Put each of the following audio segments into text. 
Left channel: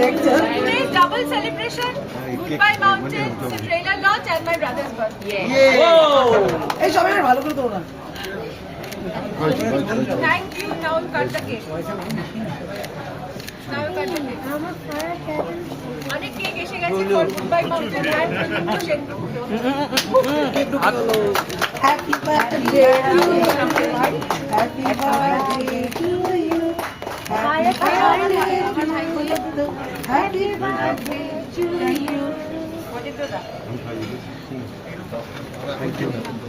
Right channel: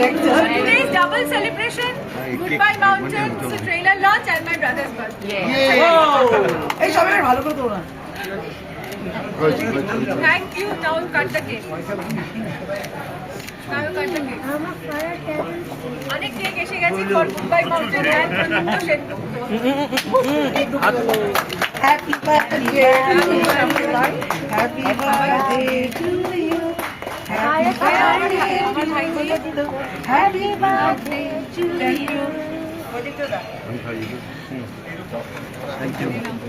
Today's double celebration. Goodbye Mountains, trailer launch and my brother's birthday. এই সবাই ভালো করে না Thank you. Now you cut the cake. Now you cut the cake. অনেক cake এসে গেছে for goodbye mountain and Pradipta Sengupta happy birthday happy birthday to you happy birthday to you thank you thank you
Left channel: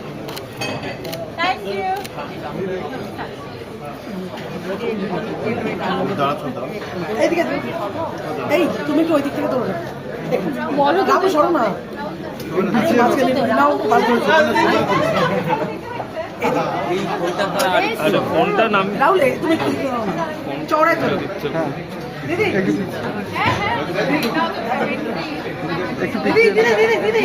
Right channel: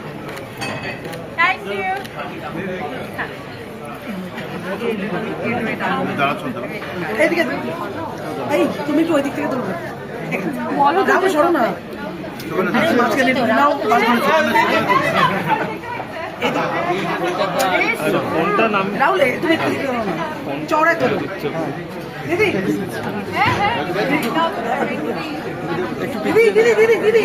এই তুমি একটু ওই দিক থেকে তোলো বলো যাব সরো না। মাঝখানে একটু নাও ফোনটা নাম রাহুল তুমি চড়াই তোলো দিদি। দিদি দিদি দিদি দিদি।